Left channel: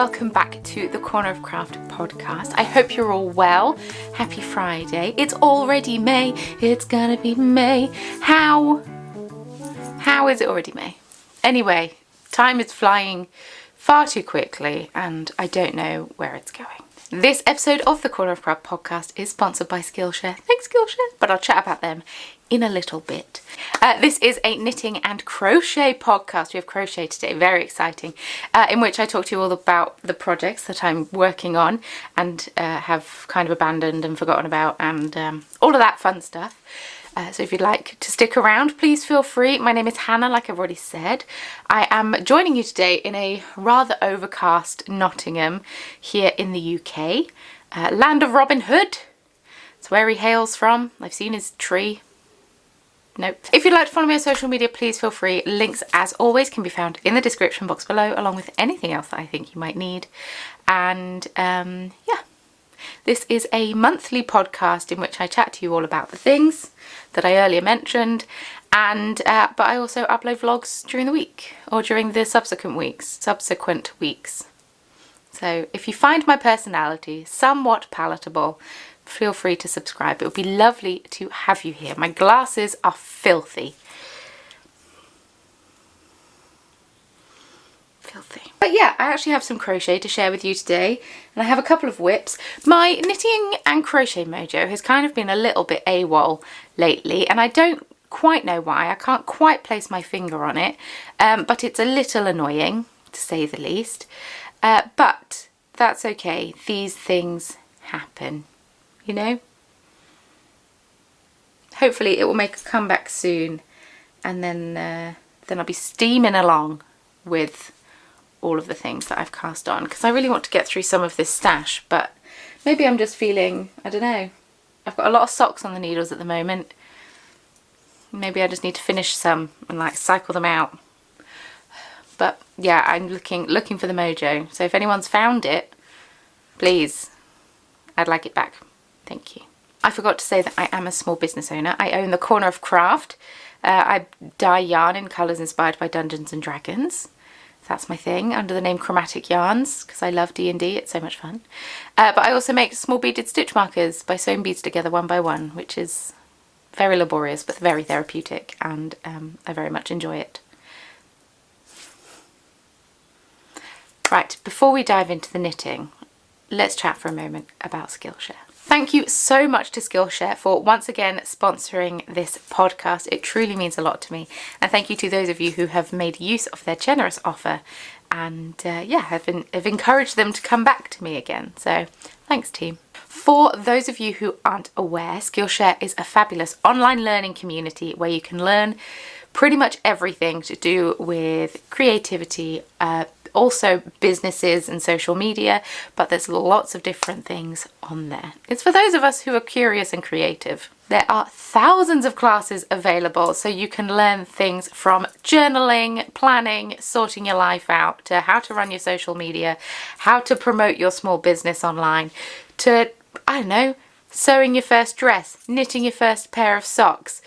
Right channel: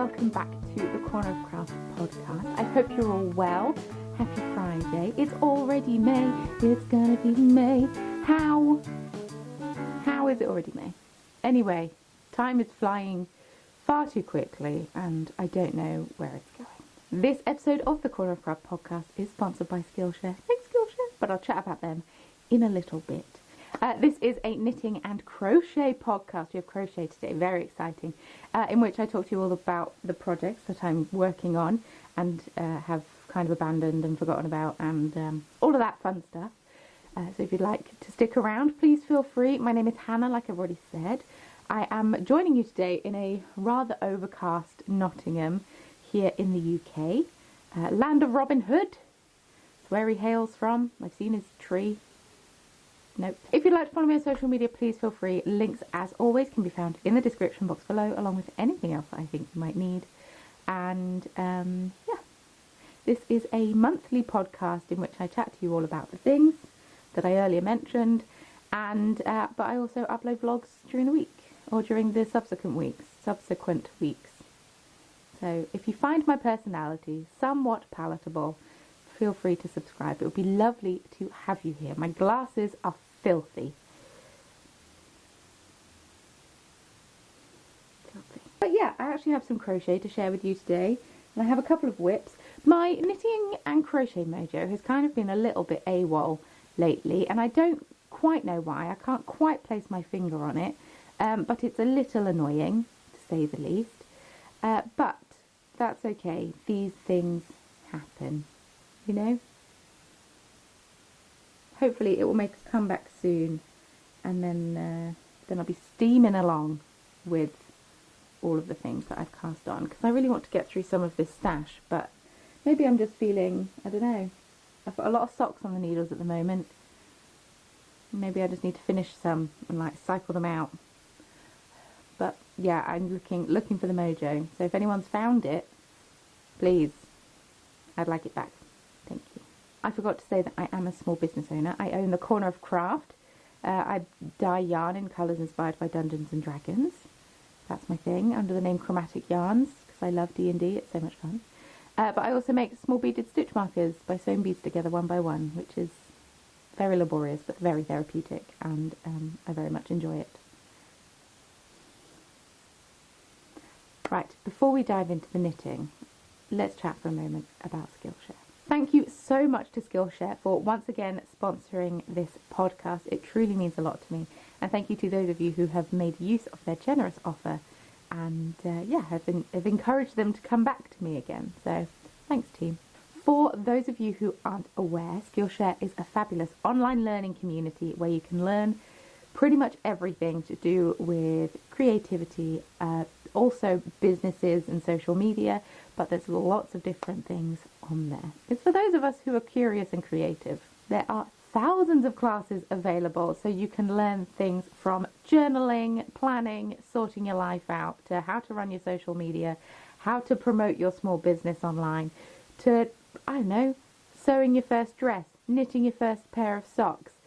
welcome back to the Corner of Craft podcast. I hope you're all well. Happy Friday. It's already May. It's gonna be May. How is it already May? Anyway, time is flying far too quickly and I don't know where it's going. This episode of the Corner of Craft podcast is sponsored by Skillshare. Thanks, Skillshare. But I'll chat about them in a little bit. This is a knitting and crochet podcast. We have crochet today, very exciting, in which I talk to you all about the projects that I'm working on and have kind of abandoned and forgotten about and all of that fun stuff. So if you'd like to stick around, please feel free. My name is Hannah, like I've already said. I am joining you today in a rather overcast Nottingham here in the UK. Land of Robin Hood. It's where he hails from. I've seen his tree. Nope. If you'd like to follow me on social media, please feel free. Links, as always, can be found in the description box below, along with anything else that I think you might need. And yeah, this is a monthly podcast in which I chat to you all about the things that I earlier mentioned, and but I also upload vlogs during the week or during the subsequent weeks. So if you find my personality somewhat palatable, feel free to subscribe. It would be lovely to have you here. My glasses are filthy. But yeah, I actually have some crochet to share with you today, and I have a couple of whips. My knitting and crochet mojo has kind of been a little bit AWOL lately, and I don't quite know why. I can't quite place my finger on it, but it's a little annoying, to say the least. But that's okay. These things happen, you know? Hopefully it will make a comeback soon, and then I'll be steaming along with all of the things that I've cast on, because I really want to get through some of this stash, but maybe I'm just feeling, I don't know, I've got a lot of socks on the needles at the moment. Maybe I just need to finish some and like cycle them out. But yeah, I'm looking for the mojo, so if anyone's found it, please, I'd like it back. Thank you. I forgot to say that I am a small business owner. I own the Corner of Craft. I dye yarn in colours inspired by Dungeons and Dragons. That's my thing, under the name Chromatic Yarns, because I love D&D, it's so much fun. But I also make small beaded stitch markers by sewing beads together one by one, which is very laborious but very therapeutic, and I very much enjoy it. Right, before we dive into the knitting, let's chat for a moment about Skillshare. Thank you so much to Skillshare for once again sponsoring this podcast. It truly means a lot to me. And thank you to those of you who have made use of their generous offer and yeah, have encouraged them to come back to me again. So thanks, team. For those of you who aren't aware, Skillshare is a fabulous online learning community where you can learn pretty much everything to do with creativity, also businesses and social media, but there's lots of different things on there. It's for those of us who are curious and creative. There are thousands of classes available, so you can learn things from journaling, planning, sorting your life out, to how to run your social media, how to promote your small business online, to, I don't know, sewing your first dress, knitting your first pair of socks,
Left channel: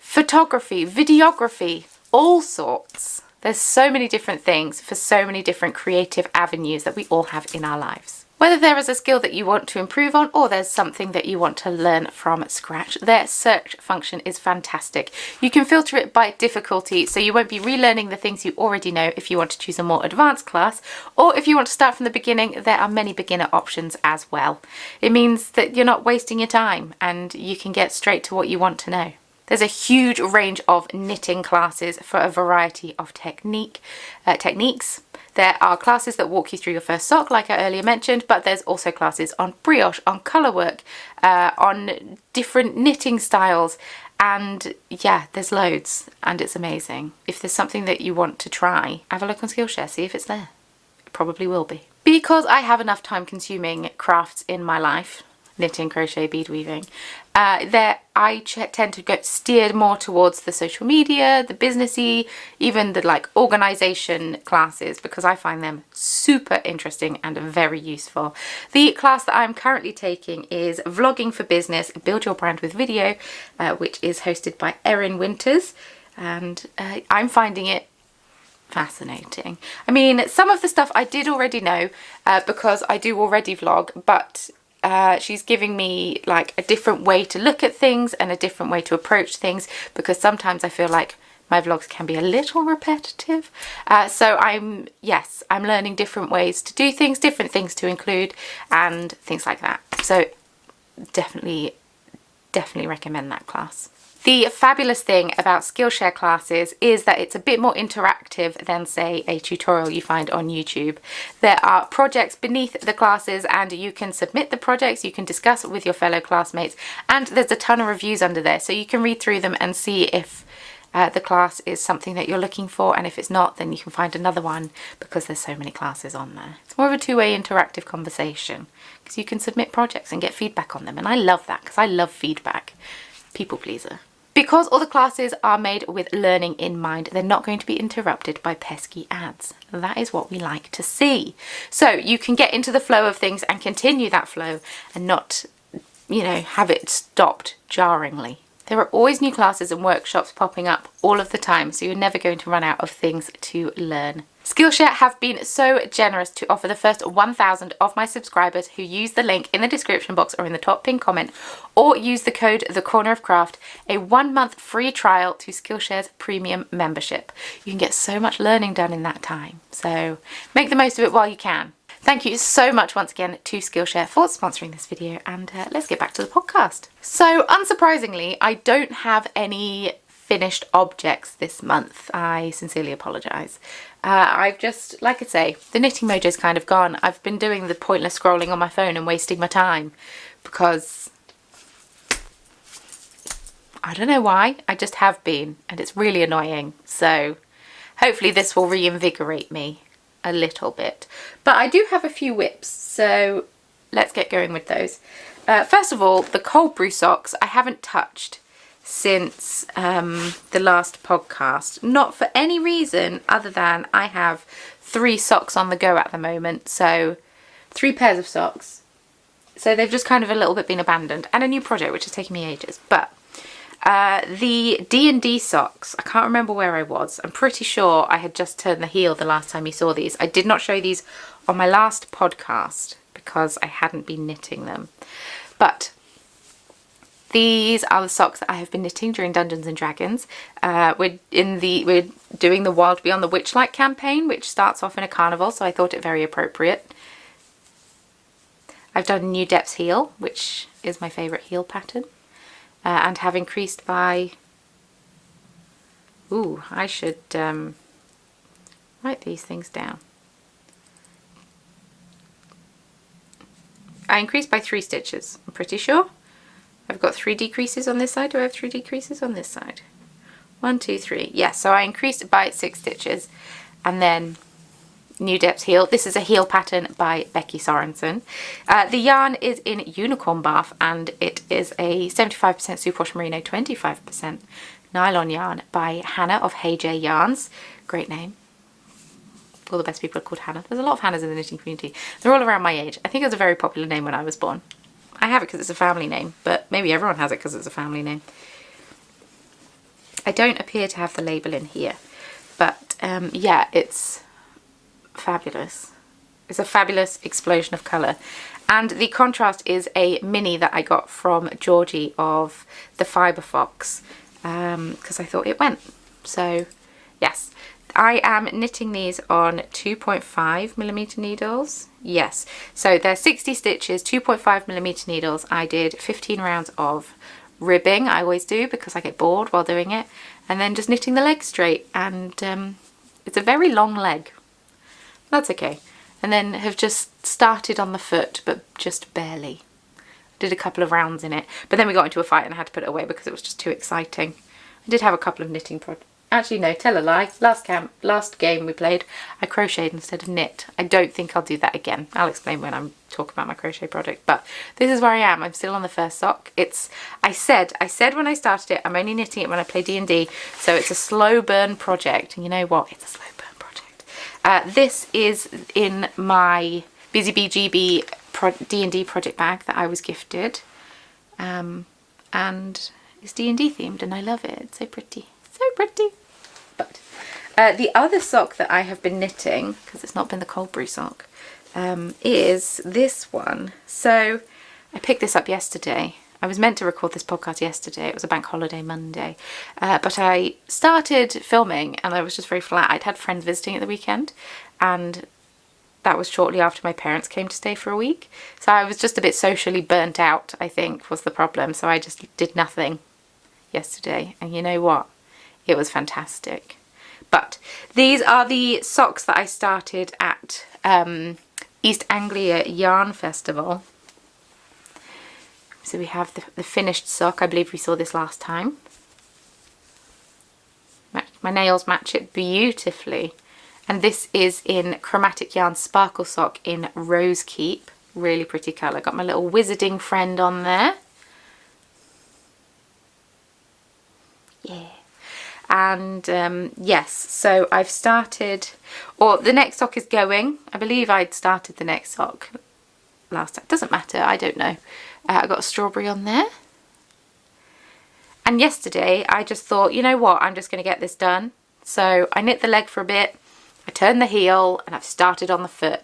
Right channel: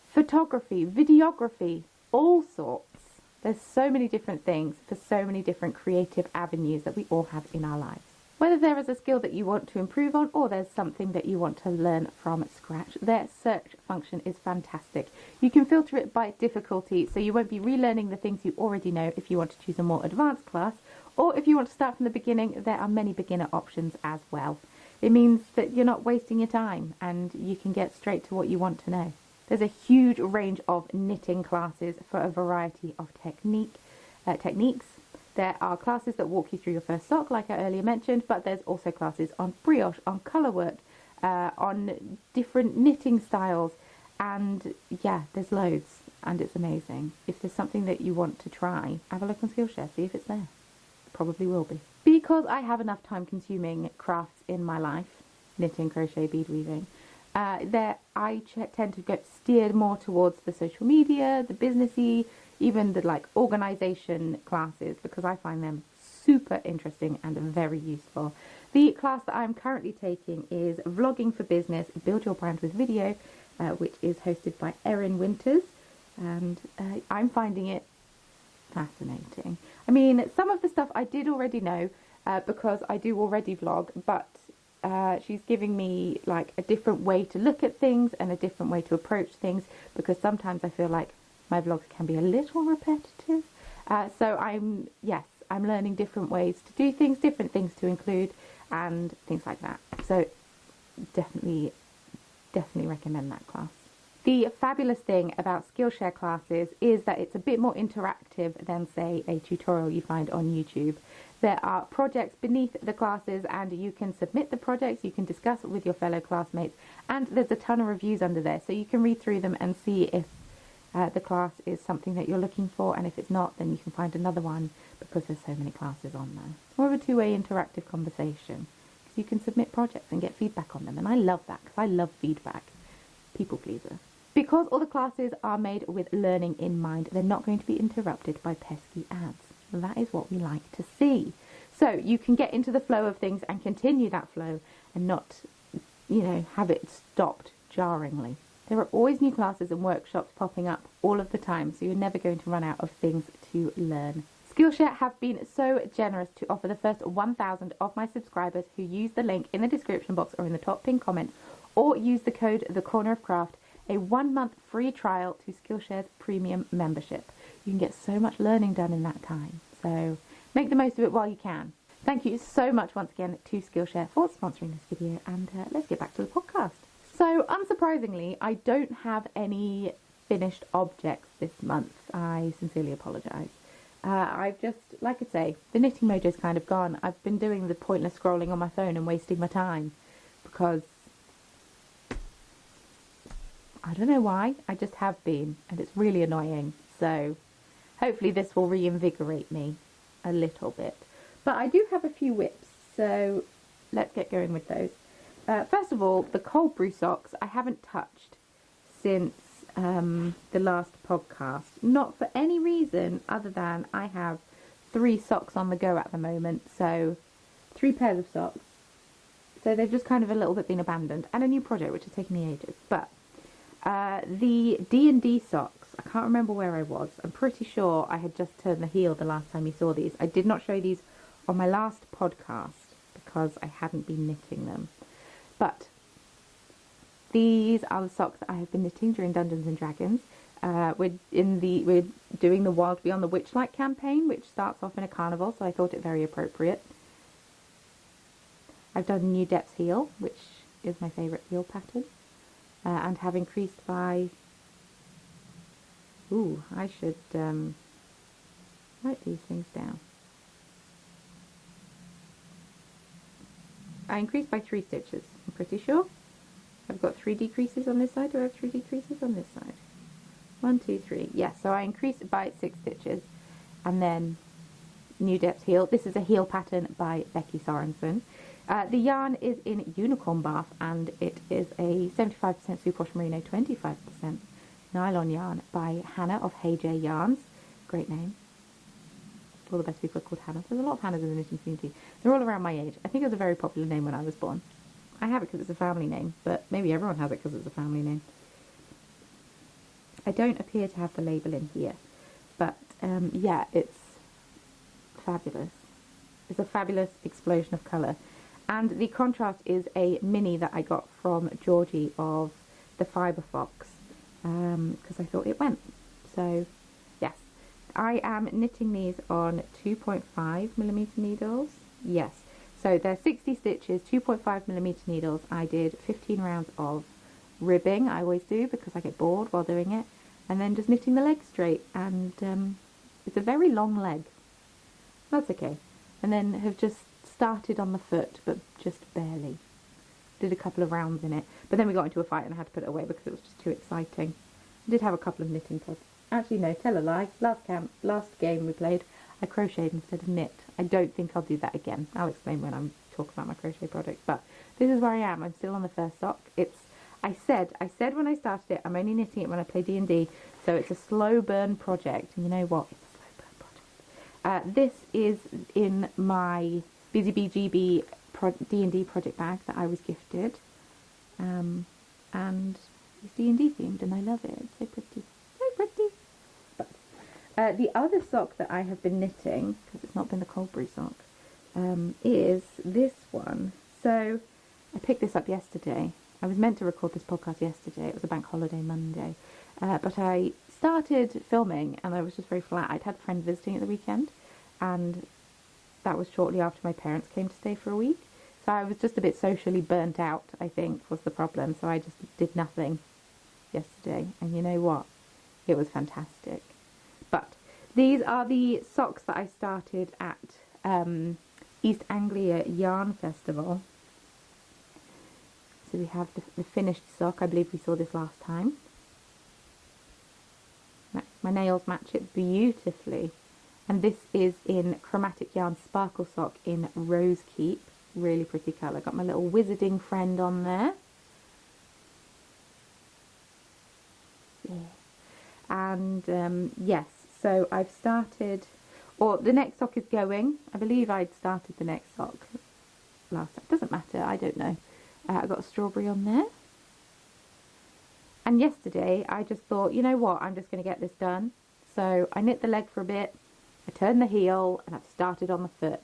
photography, videography, all sorts. There's so many different things for so many different creative avenues that we all have in our lives. Whether there is a skill that you want to improve on or there's something that you want to learn from scratch, their search function is fantastic. You can filter it by difficulty, so you won't be relearning the things you already know if you want to choose a more advanced class, or if you want to start from the beginning, there are many beginner options as well. It means that you're not wasting your time and you can get straight to what you want to know. There's a huge range of knitting classes for a variety of techniques. There are classes that walk you through your first sock, like I earlier mentioned, but there's also classes on brioche, on colour work, on different knitting styles, and yeah, there's loads, and it's amazing. If there's something that you want to try, have a look on Skillshare, see if it's there. It probably will be. Because I have enough time-consuming crafts in my life, knitting, crochet, bead weaving, I tend to get steered more towards the social media, the businessy, even the like organisation classes, because I find them super interesting and very useful. The class that I'm currently taking is Vlogging for Business, Build Your Brand with Video, which is hosted by Erin Winters, and I'm finding it fascinating. I mean, some of the stuff I did already know because I do already vlog, but she's giving me like a different way to look at things and a different way to approach things, because sometimes I feel like my vlogs can be a little repetitive. So I'm learning different ways to do things, different things to include and things like that. So definitely recommend that class. The fabulous thing about Skillshare classes is that it's a bit more interactive than, say, a tutorial you find on YouTube. There are projects beneath the classes and you can submit the projects, you can discuss it with your fellow classmates, and there's a ton of reviews under there, so you can read through them and see if the class is something that you're looking for, and if it's not, then you can find another one, because there's so many classes on there. It's more of a two-way interactive conversation, because you can submit projects and get feedback on them, and I love that, because I love feedback. People pleaser. Because all the classes are made with learning in mind, they're not going to be interrupted by pesky ads. That is what we like to see. So you can get into the flow of things and continue that flow and not, you know, have it stopped jarringly. There are always new classes and workshops popping up all of the time, so you're never going to run out of things to learn. Skillshare have been so generous to offer the first 1,000 of my subscribers who use the link in the description box or in the top pinned comment, or use the code TheCornerOfCraft, a 1-month free trial to Skillshare's premium membership. You can get so much learning done in that time, so make the most of it while you can. Thank you so much once again to Skillshare for sponsoring this video, and let's get back to the podcast. So unsurprisingly, I don't have any finished objects this month. I sincerely apologise. I've just, like I say, the knitting mojo's kind of gone. I've been doing the pointless scrolling on my phone and wasting my time because I don't know why, I just have been, and it's really annoying. So hopefully this will reinvigorate me a little bit. But I do have a few whips, so let's get going with those. First of all, the cold brew socks I haven't touched since the last podcast, not for any reason other than I have 3 socks on the go at the moment, so 3 pairs of socks, so they've just kind of a little bit been abandoned, and a new project which has taken me ages. But the D&D socks, I can't remember where I was. I'm pretty sure I had just turned the heel the last time you saw these. I did not show these on my last podcast because I hadn't been knitting them, but these are the socks that I have been knitting during Dungeons and Dragons. We're doing the Wild Beyond the Witchlight campaign, which starts off in a carnival, so I thought it very appropriate. I've done a New Depths heel, which is my favourite heel pattern, and have increased by... Ooh, I should write these things down. I increased by 3 stitches, I'm pretty sure. I've got 3 decreases on this side. Do I have 3 decreases on this side? 1, 2, 3. Yes, so I increased it by 6 stitches. And then New Depths heel. This is a heel pattern by Becky Sorensen. The yarn is in Unicorn Bath, and it is a 75% superwash merino, 25% nylon yarn by Hannah of Hey J Yarns. Great name. All the best people are called Hannah. There's a lot of Hannahs in the knitting community. They're all around my age. I think it was a very popular name when I was born. I have it because it's a family name, but maybe everyone has it because it's a family name. I don't appear to have the label in here, but yeah, it's fabulous. It's a fabulous explosion of colour. And the contrast is a mini that I got from Georgie of the Fibre Fox, because I thought it went. So yes, I am knitting these on 2.5mm needles. Yes, so they're 60 stitches, 2.5mm needles. I did 15 rounds of ribbing. I always do because I get bored while doing it, and then just knitting the leg straight, and it's a very long leg. That's okay. And then have just started on the foot, but just barely. Did a couple of rounds in it, but then we got into a fight and I had to put it away because it was just too exciting. I did have a couple of knitting projects. Actually, no, tell a lie. Last game we played, I crocheted instead of knit. I don't think I'll do that again. I'll explain when I'm talking about my crochet project. But this is where I am. I'm still on the first sock. I said when I started it, I'm only knitting it when I play D&D. So it's a slow burn project. And you know what? It's a slow burn project. This is in my Busy Bee GB D&D project bag that I was gifted. And it's D&D themed and I love it. It's so pretty. So pretty. But The other sock that I have been knitting, because it's not been the cold brew sock, is this one. So I picked this up yesterday. I was meant to record this podcast yesterday. It was a bank holiday Monday. But I started filming and I was just very flat. I'd had friends visiting at the weekend, and that was shortly after my parents came to stay for a week. So I was just a bit socially burnt out, I think, was the problem. So I just did nothing yesterday. And you know what? It was fantastic. But these are the socks that I started at East Anglia Yarn Festival. So we have the finished sock. I believe we saw this last time. My nails match it beautifully. And this is in Chromatic Yarns Sparkle Sock in Rose Keep. Really pretty colour. Got my little wizarding friend on there. Yeah. And yes, so I've started, or the next sock is going. I believe I'd started the next sock last time. Doesn't matter, I don't know. I got a strawberry on there. And yesterday I just thought, you know what, I'm just going to get this done. So I knit the leg for a bit, I turned the heel, and I've started on the foot.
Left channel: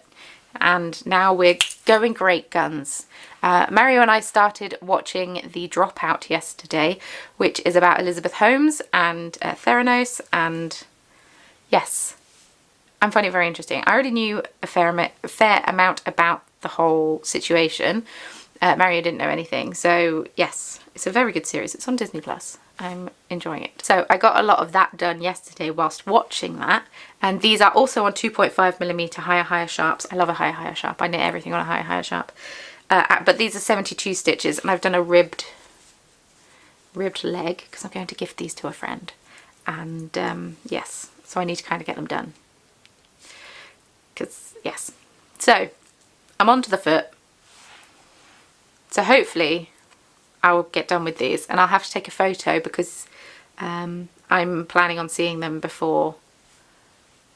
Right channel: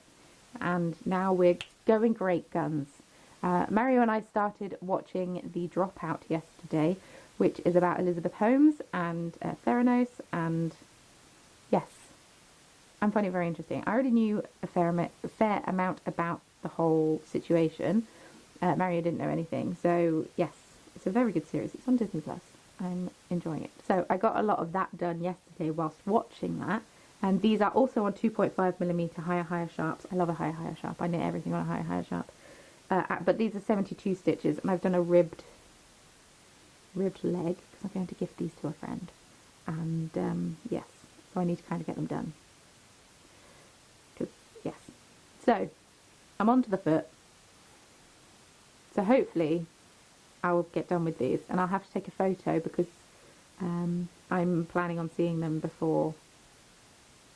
And now we're going great guns. Mario and I started watching The Dropout yesterday, which is about Elizabeth Holmes and Theranos, and yes, I'm finding it very interesting. I already knew a fair amount about the whole situation. Mario didn't know anything, so yes, it's a very good series. It's on Disney Plus. I'm enjoying it. So I got a lot of that done yesterday whilst watching that. And these are also on 2.5mm higher sharps. I love a higher sharp. I knit everything on a higher sharp. But these are 72 stitches, and I've done a ribbed leg because I'm going to gift these to a friend. And yes, so I need to kind of get them done. Because yes. So I'm on to the foot. So hopefully I will get done with these, and I'll have to take a photo because I'm planning on seeing them before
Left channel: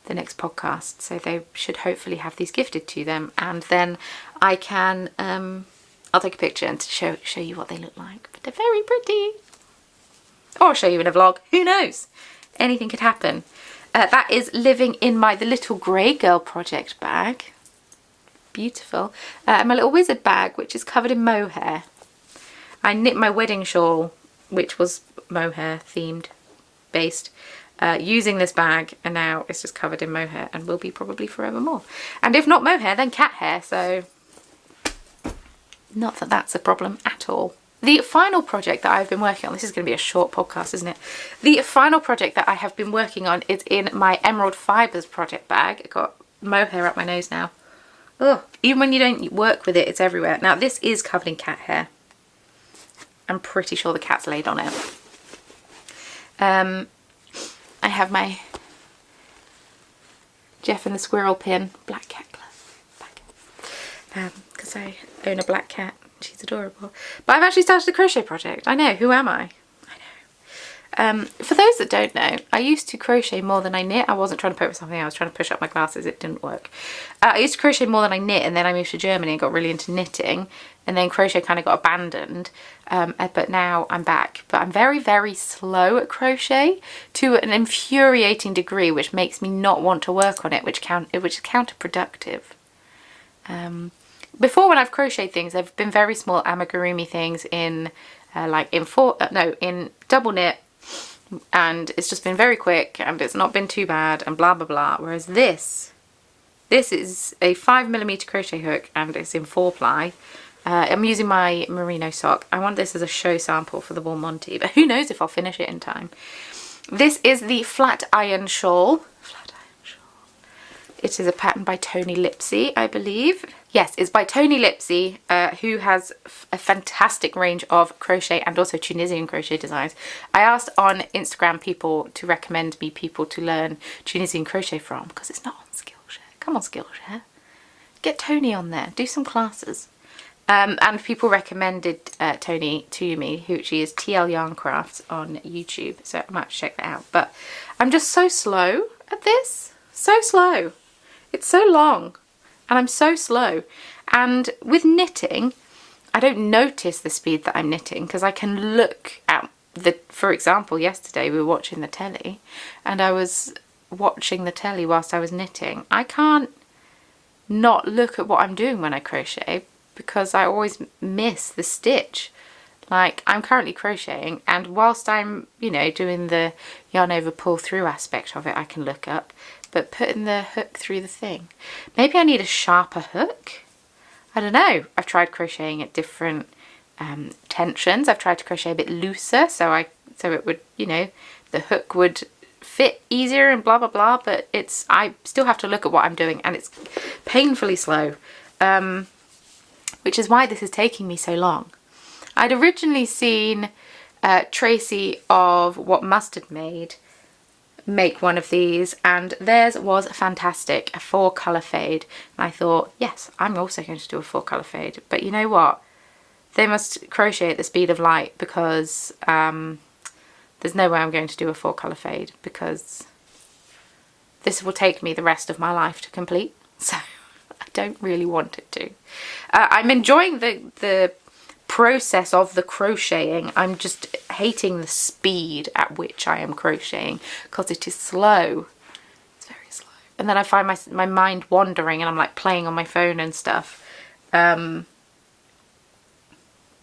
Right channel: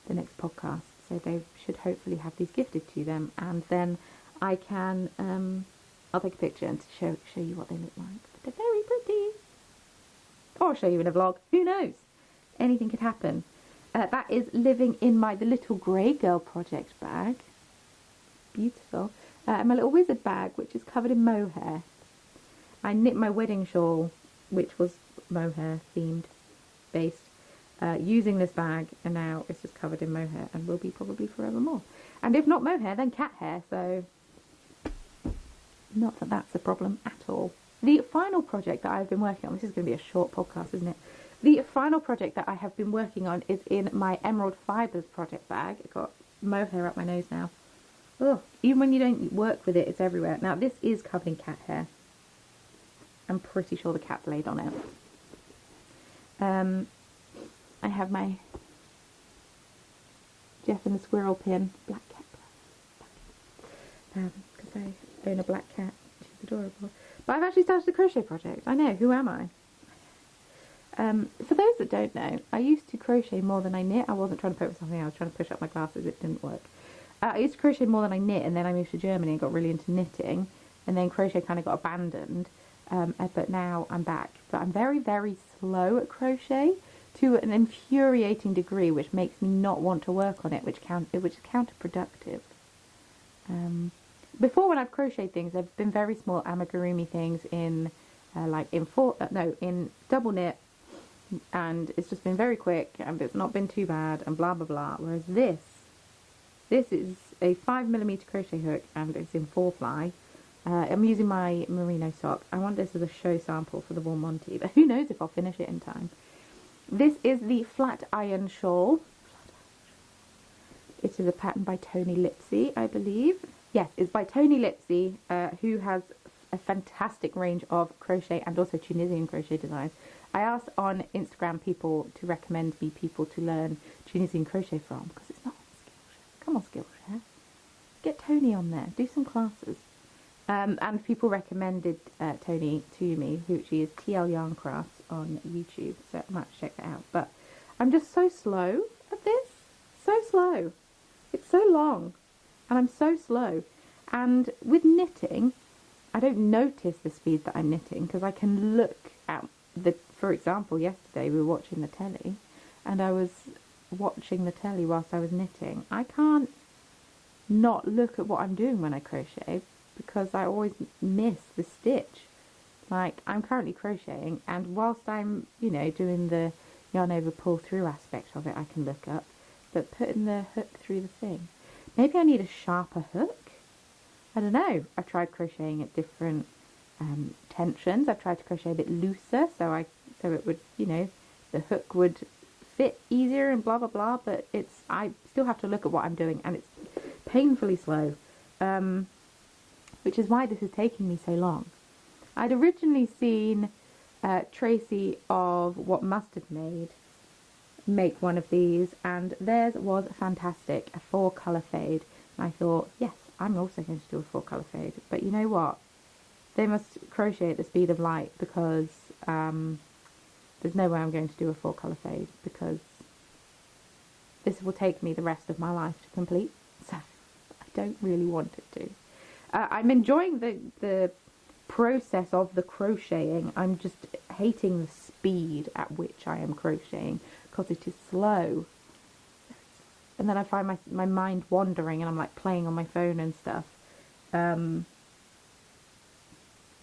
the next podcast, so they should hopefully have these gifted to them, and then I can I'll take a picture and show you what they look like. But they're very pretty, or I'll show you in a vlog, who knows, anything could happen. That is living in the little grey girl project bag, beautiful, and my little wizard bag, which is covered in mohair. I knit my wedding shawl, which was mohair themed, based, using this bag, and now it's just covered in mohair and will be probably forevermore. And if not mohair, then cat hair, so not that that's a problem at all. The final project that I've been working on, this is going to be a short podcast, isn't it? The final project that I have been working on is in my Emerald Fibres project bag. I've got mohair up my nose now. Ugh, even when you don't work with it, it's everywhere. Now this is covered in cat hair. I'm pretty sure the cat's laid on it. I have my Jeff and the Squirrel pin, black cat glove, because I own a black cat. She's adorable. But I've actually started a crochet project. I know, who am I? For those that don't know, I used to crochet more than I knit. I wasn't trying to poke with something, I was trying to push up my glasses, it didn't work. I used to crochet more than I knit, and then I moved to Germany and got really into knitting, and then crochet kind of got abandoned. But now I'm back. But I'm very, very slow at crochet to an infuriating degree, which makes me not want to work on it, which is counterproductive. Before, when I've crocheted things, they've been very small amigurumi things in in double knit, and it's just been very quick and it's not been too bad and blah blah blah. Whereas this is a 5mm crochet hook and it's in 4-ply. I'm using my merino sock. I want this as a show sample for the Wool Monty, but who knows if I'll finish it in time. This is the Flat Iron Shawl. It is a pattern by Tony Lipsy, I believe. Yes, it's by Tony Lipsy, who has a fantastic range of crochet and also Tunisian crochet designs. I asked on Instagram people to recommend me people to learn Tunisian crochet from, because it's not on Skillshare. Come on, Skillshare. Get Tony on there. Do some classes. And people recommended Tony to me, who she is TL Yarn Crafts on YouTube, so I might have to check that out. But I'm just so slow at this. So slow. It's so long. And I'm so slow. And with knitting, I don't notice the speed that I'm knitting, because I can look at for example, yesterday we were watching the telly and I was watching the telly whilst I was knitting, I can't not look at what I'm doing when I crochet because I always miss the stitch. Like, I'm currently crocheting, and whilst I'm, you know, doing the yarn over pull through aspect of it, I can look up, but putting the hook through the thing, maybe I need a sharper hook. I don't know. I've tried crocheting at different tensions. I've tried to crochet a bit looser so it would, you know, the hook would fit easier and blah blah blah, but I still have to look at what I'm doing, and it's painfully slow, which is why this is taking me so long. I'd originally seen Tracy of What Mustard Made make one of these, and theirs was fantastic, a 4-colour fade, and I thought, yes, I'm also going to do a 4-colour fade. But you know what, they must crochet at the speed of light, because there's no way I'm going to do a 4-colour fade, because this will take me the rest of my life to complete, so I don't really want it to. I'm enjoying the process of the crocheting. I'm just hating the speed at which I am crocheting because it is slow. It's very slow. And then I find my mind wandering, and I'm like playing on my phone and stuff,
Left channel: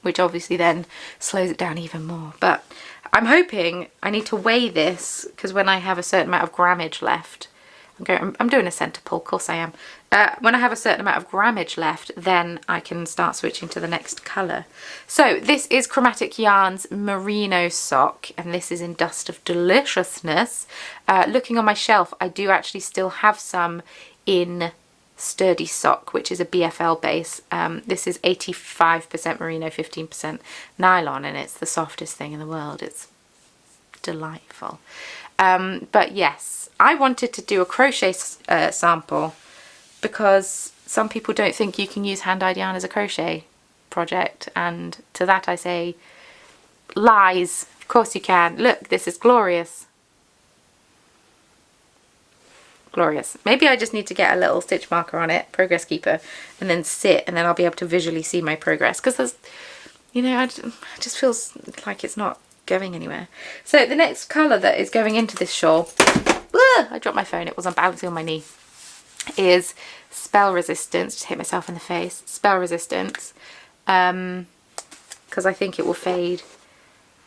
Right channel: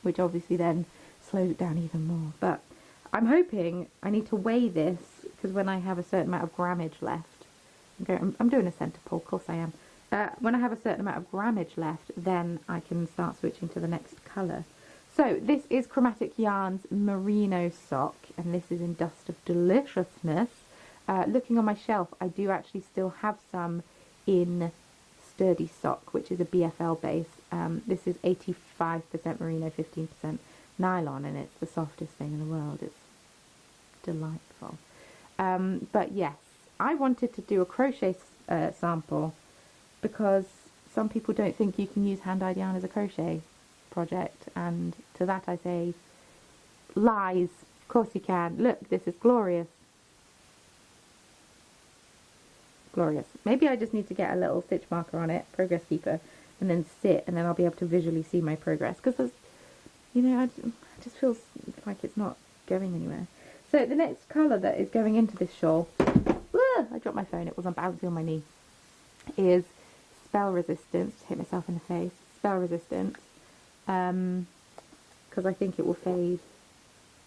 which obviously then slows it down even more. But I'm hoping, I need to weigh this, because when I have a certain amount of grammage left, I'm doing a centre pull, of course I am. When I have a certain amount of grammage left, then I can start switching to the next colour. So this is Chromatic Yarns Merino Sock, and this is in Dust of Deliciousness. Looking on my shelf, I do actually still have some in Sturdy Sock, which is a BFL base. This is 85% merino, 15% nylon, and it's the softest thing in the world. It's delightful. But yes, I wanted to do a crochet sample, because some people don't think you can use hand-dyed yarn as a crochet project, and to that I say, lies. Of course you can. Look, this is glorious. Glorious. Maybe I just need to get a little stitch marker on it, progress keeper, and then sit, and then I'll be able to visually see my progress, because there's, you know, it just feels like it's not going anywhere. So the next colour that is going into this shawl, I dropped my phone, it was balancing on my knee, is Spell Resistance. Just hit myself in the face. Spell Resistance, because I think it will fade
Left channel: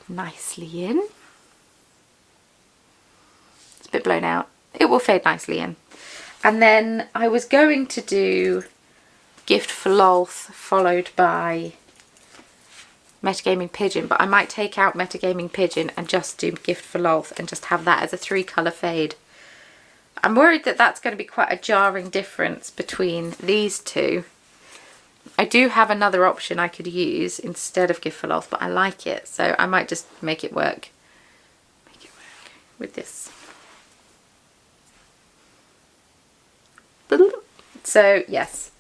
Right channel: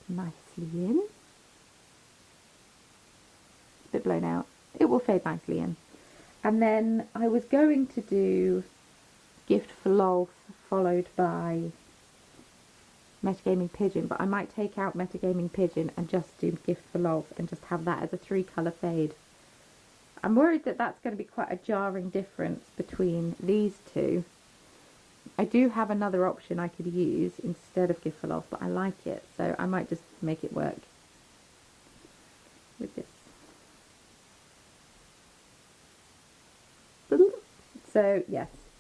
nicely in. It's a bit blown out. It will fade nicely in. And then I was going to do Gift for Lolth followed by Metagaming Pigeon, but I might take out Metagaming Pigeon and just do Gift for Lolth and just have that as a 3-colour fade. I'm worried that that's going to be quite a jarring difference between these two. I do have another option I could use instead of Gift for Lolth, but I like it, so I might just make it work. With this. So yes,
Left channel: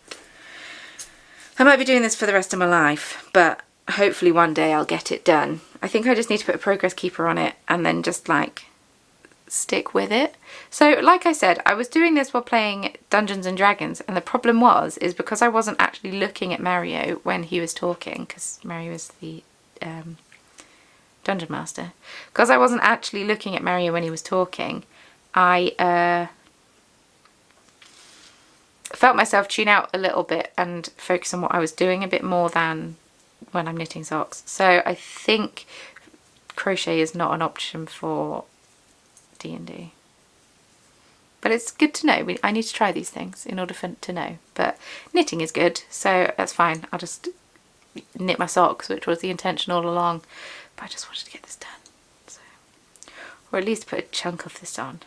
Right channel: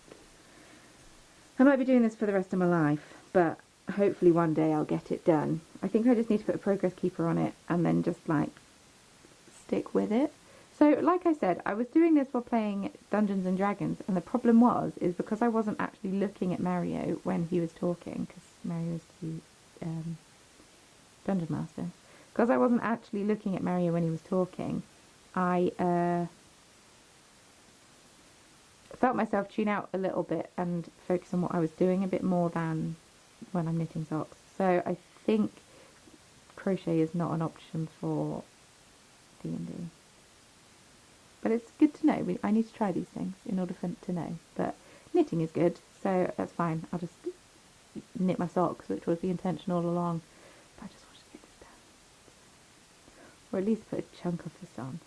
I might be doing this for the rest of my life, but hopefully one day I'll get it done. I think I just need to put a progress keeper on it and then just like stick with it. So like I said, I was doing this while playing Dungeons and Dragons, and the problem is because I wasn't actually looking at Mario when he was talking, because Mario is the Dungeon Master. Because I wasn't actually looking at Mario when he was talking, I felt myself tune out a little bit and focus on what I was doing a bit more than when I'm knitting socks. So I think crochet is not an option for D&D. But it's good to know. I need to try these things in order to know. But knitting is good, so that's fine. I'll just knit my socks, which was the intention all along. But I just wanted to get this done. So. Or at least put a chunk of this on.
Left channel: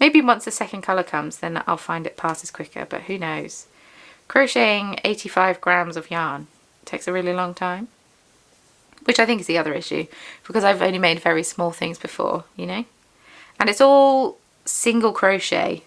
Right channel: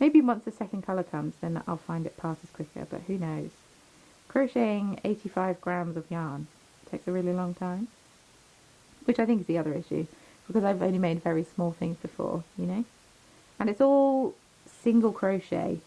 Maybe once the second colour comes, then I'll find it passes quicker, but who knows. Crocheting 85 grams of yarn takes a really long time. Which I think is the other issue, because I've only made very small things before, you know? And it's all single crochet,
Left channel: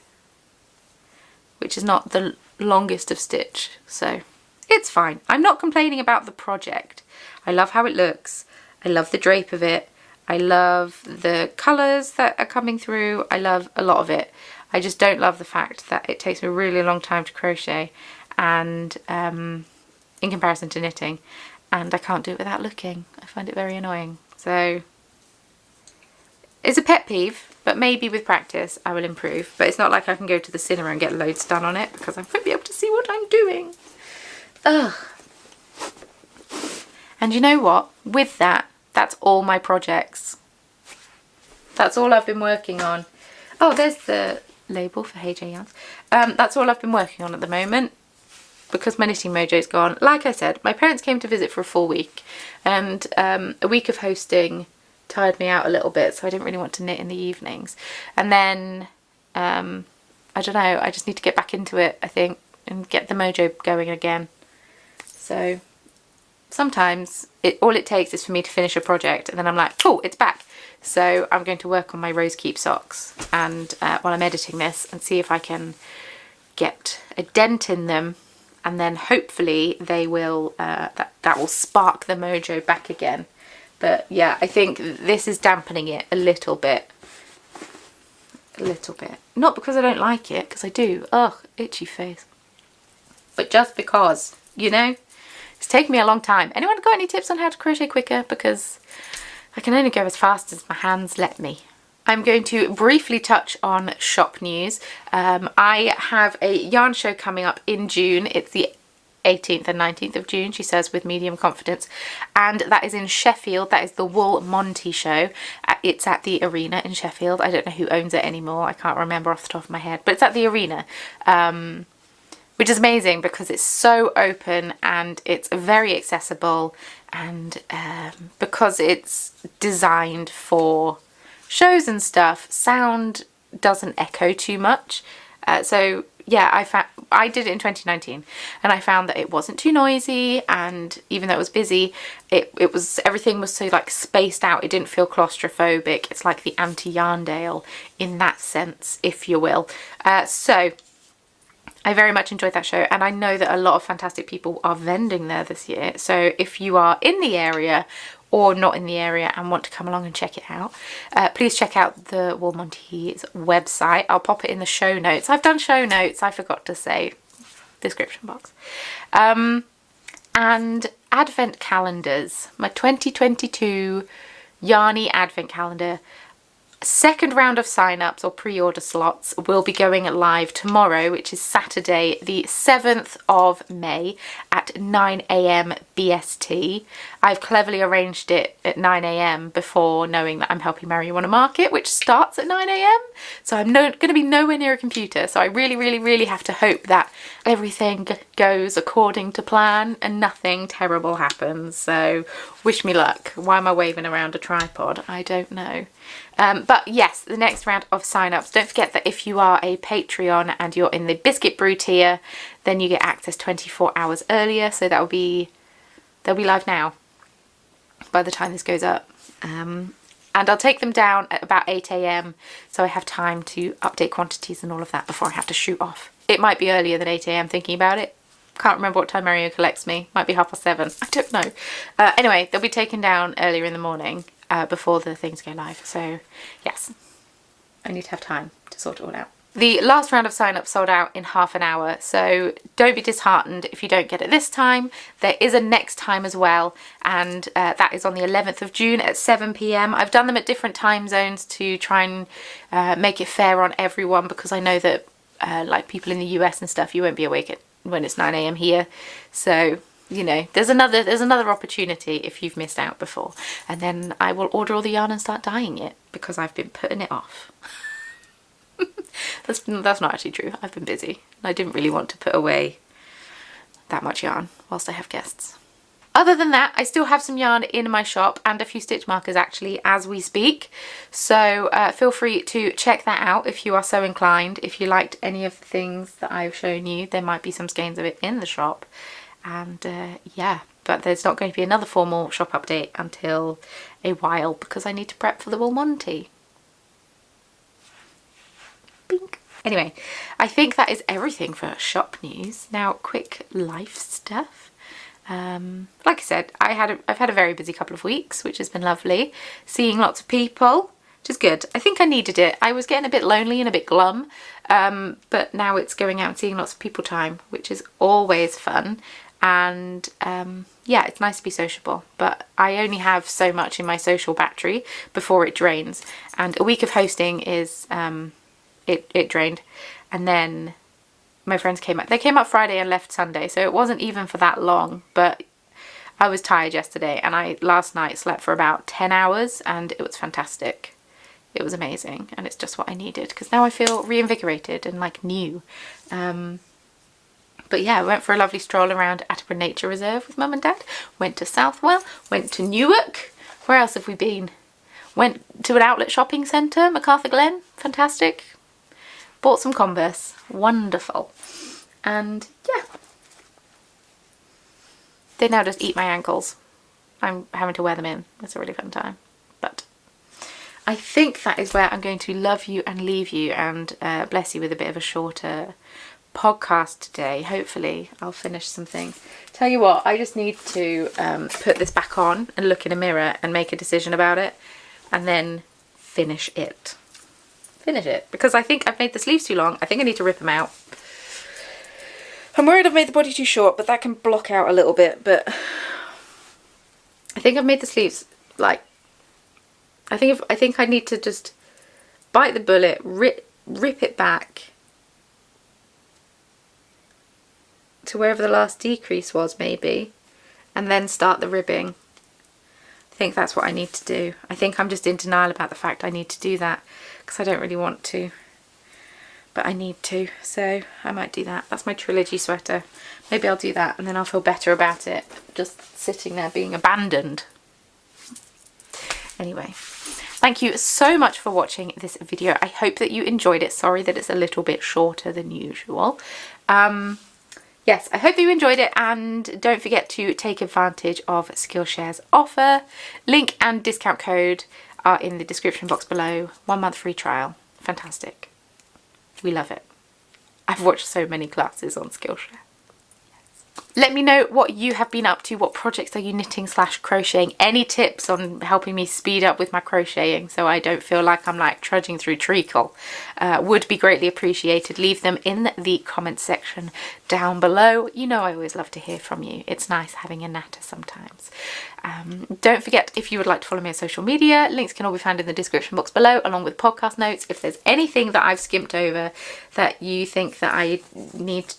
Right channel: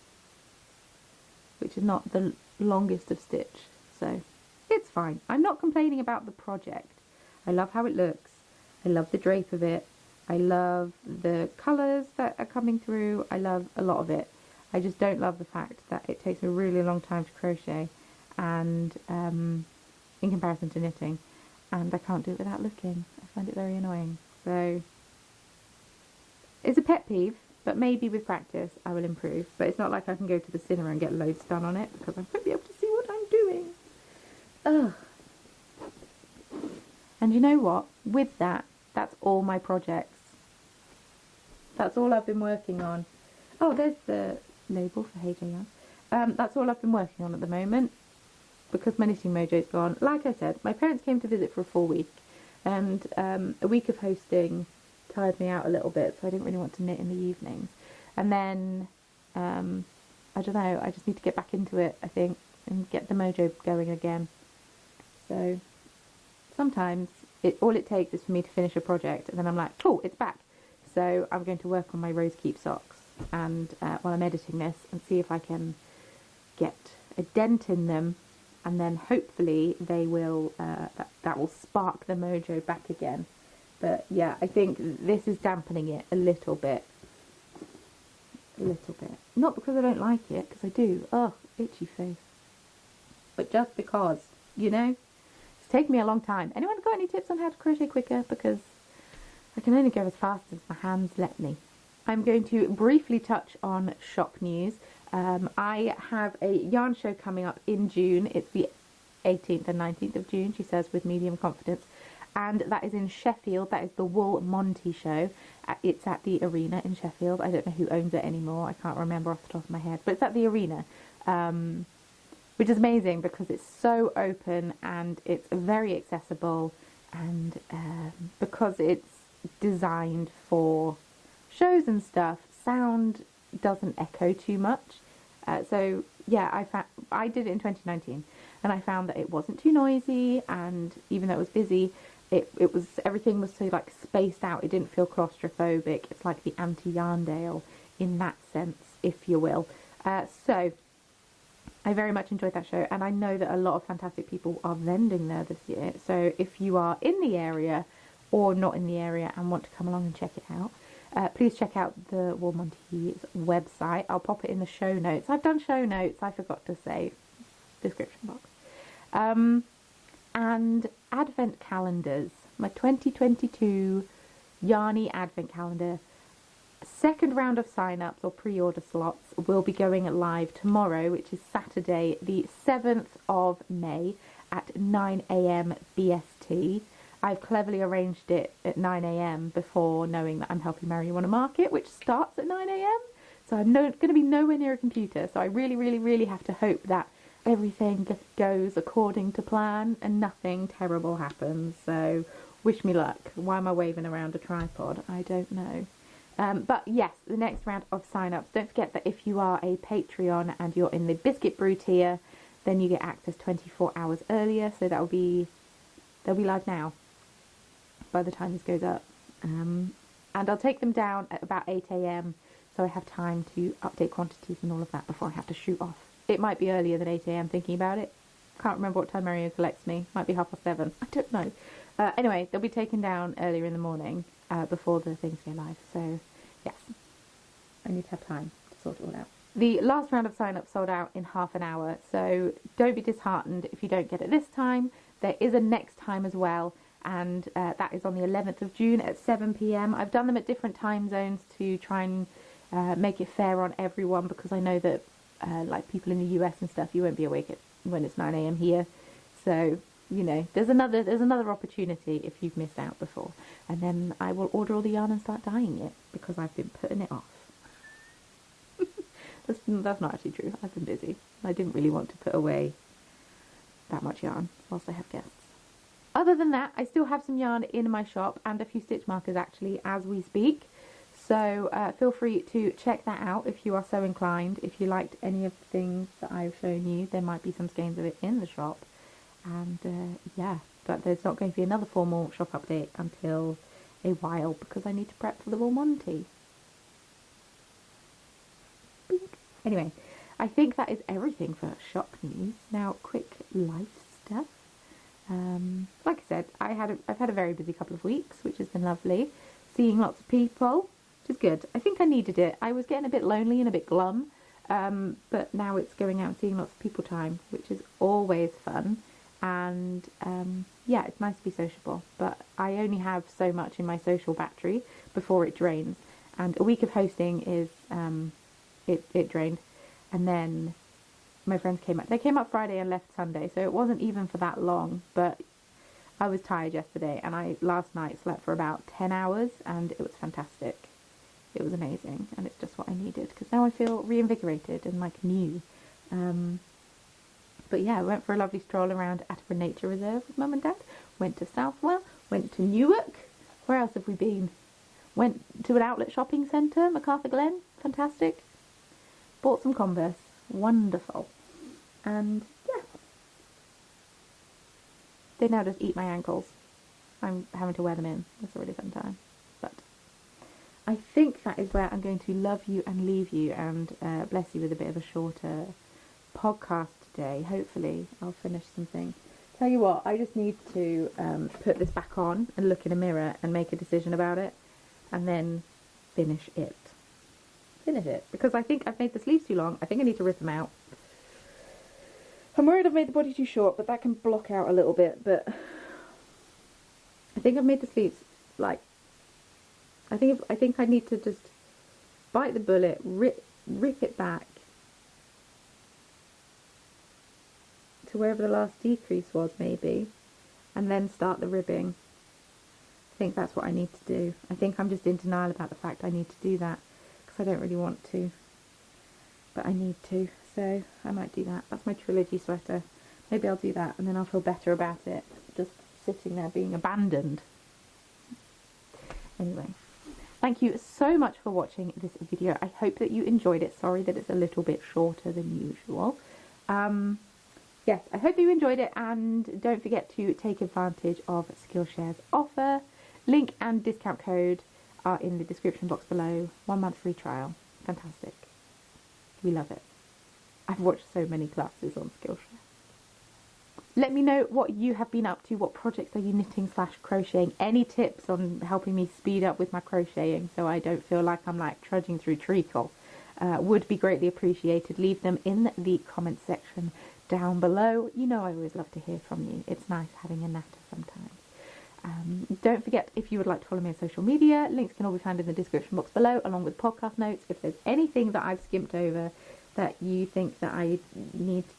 which is not the longest of stitch, so it's fine. I'm not complaining about the project. I love how it looks. I love the drape of it. I love the colours that are coming through. I love a lot of it. I just don't love the fact that it takes me a really long time to crochet, and in comparison to knitting, and I can't do it without looking. I find it very annoying. So it's a pet peeve, but maybe with practice I will improve. But it's not like I can go to the cinema and get loads done on it because I won't be able to see what I'm doing. Ugh. And you know what? With that, that's all my projects. That's all I've been working on. Oh, there's the label for Hey J Yarns. That's all I've been working on at the moment because my knitting mojo's gone. Like I said, my parents came to visit for a full week, and a week of hosting tired me out a little bit, so I didn't really want to knit in the evenings. And then, I don't know, I just need to get back into it, I think, and get the mojo going again. So sometimes all it takes is for me to finish a project and then I'm like, oh, it's back. So I'm going to work on my Rose Keep socks and while I'm editing this, and see if I can get a dent in them, and then hopefully they will that will spark the mojo back again. But yeah, I think this is dampening it a little bit. A little bit. Not because I don't like it, because I do. Ugh, itchy face. But just because, you know? It's taken me a long time. Anyone got any tips on how to crochet quicker? Because I can only go as fast as my hands let me. I'm going to briefly touch on shop news. I have a yarn show coming up in June. It's the 18th and 19th of June, she says with medium confidence, and that is in Sheffield. That is the Wool Monty show. It's at the Arena in Sheffield. I don't know who owns it anymore. I can't remember off the top of my head, but it's at the Arena, which is amazing because it's so open and it's very accessible, and because it's designed for shows and stuff, sound doesn't echo too much. So yeah, I did it in 2019 and I found that it wasn't too noisy, and even though it was busy, everything was so like spaced out. It didn't feel claustrophobic. It's like the anti-Yarndale in that sense, if you will. So I very much enjoyed that show, and I know that a lot of fantastic people are vending there this year. So if you are in the area or not in the area and want to come along and check it out, please check out the Wool Monty's website. I'll pop it in the show notes. I've done show notes, I forgot to say, description box. And advent calendars, my 2022 Yarny advent calendar. Second round of sign-ups or pre-order slots will be going live tomorrow, which is Saturday the 7th of May at 9 AM BST. I've cleverly arranged it at 9 AM before knowing that I'm helping Marijuana Market, which starts at 9 AM. So I'm going to be nowhere near a computer. So I really, really, really have to hope that everything goes according to plan and nothing terrible happens. So wish me luck. Why am I waving around a tripod? I don't know. But yes, the next round of sign-ups. Don't forget that if you are a Patreon and you're in the Biscuit Brew tier, then you get access 24 hours earlier. So they'll be live now by the time this goes up. And I'll take them down at about 8 AM, so I have time to update quantities and all of that before I have to shoot off. It might be earlier than 8 AM thinking about it. Can't remember what time Mario collects me. Might be 7:30. I don't know. Anyway, they'll be taken down earlier in the morning before the things go live. So yes, I need to have time to sort it all out. The last round of sign-up sold out in half an hour, so don't be disheartened if you don't get it this time. There is a next time as well, and that is on the 11th of June at 7 PM. I've done them at different time zones to try and make it fair on everyone, because I know that like people in the US and stuff, you won't be awake when it's 9 AM here. So, you know, there's another opportunity if you've missed out before. And then I will order all the yarn and start dyeing it, because I've been putting it off. That's not actually true. I've been busy. I didn't really want to put away that much yarn whilst I have guests. Other than that, I still have some yarn in my shop and a few stitch markers actually as we speak. So feel free to check that out if you are so inclined. If you liked any of the things that I've shown you, there might be some skeins of it in the shop. And yeah, but there's not going to be another formal shop update until a while, because I need to prep for the Wool Monty. Bink. Anyway, I think that is everything for shop news. Now, quick life stuff. Like I said, I've had a very busy couple of weeks, which has been lovely. Seeing lots of people, which is good. I think I needed it. I was getting a bit lonely and a bit glum, but now it's going out and seeing lots of people time, which is always fun. and yeah, it's nice to be sociable, but I only have so much in my social battery before it drains, and a week of hosting is it drained. And then my friends came up. They came up Friday and left Sunday, so it wasn't even for that long, but I was tired yesterday, and I last night slept for about 10 hours, and it was fantastic. It was amazing, and it's just what I needed, because now I feel reinvigorated and like new. But yeah, I went for a lovely stroll around Attleborough Nature Reserve with Mum and Dad, went to Southwell, went to Newark. Where else have we been? Went to an outlet shopping centre, MacArthur Glen, fantastic. Bought some Converse, wonderful. And yeah, they now just eat my ankles. I'm having to wear them in. It's a really fun time. But I think that is where I'm going to love you and leave you, and bless you with a bit of a shorter podcast today. Hopefully I'll finish something. Tell you what, I just need to put this back on and look in a mirror and make a decision about it, and then finish it. Because I think I've made the sleeves too long. I think I need to rip them out. I'm worried I've made the body too short, but that can block out a little bit. But I think I've made the sleeves like, I think I need to just bite the bullet, rip it back to wherever the last decrease was, maybe, and then start the ribbing. I think that's what I need to do. I think I'm just in denial about the fact I need to do that, because I don't really want to, but I need to, so I might do that. That's my trilogy sweater. Maybe I'll do that, and then I'll feel better about it, just sitting there being abandoned. Anyway, thank you so much for watching this video. I hope that you enjoyed it. Sorry that it's a little bit shorter than usual. Yes, I hope you enjoyed it, and don't forget to take advantage of Skillshare's offer. Link and discount code are in the description box below. 1 month free trial. Fantastic. We love it. I've watched so many classes on Skillshare. Let me know what you have been up to. What projects are you knitting / crocheting? Any tips on helping me speed up with my crocheting so I don't feel like I'm like trudging through treacle would be greatly appreciated. Leave them in the comments section down below. You know I always love to hear from you. It's nice having a natter sometimes. Don't forget, if you would like to follow me on social media, links can all be found in the description box below, along with podcast notes. If there's anything that I've skimped over that you think that I need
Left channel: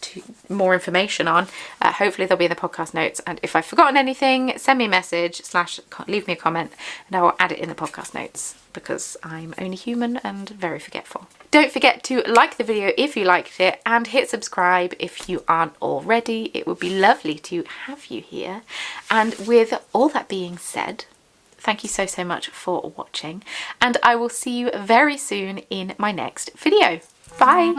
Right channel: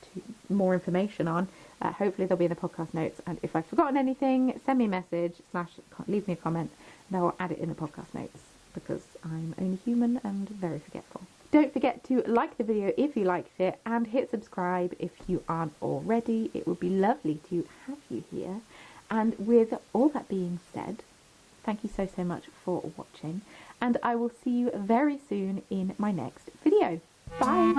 more information on, hopefully they'll be in the podcast notes. And if I've forgotten anything, send me a message / leave me a comment, and I will add it in the podcast notes, because I'm only human and very forgetful. Don't forget to like the video if you liked it, and hit subscribe if you aren't already. It would be lovely to have you here. And with all that being said, thank you so much for watching, and I will see you very soon in my next video. Bye!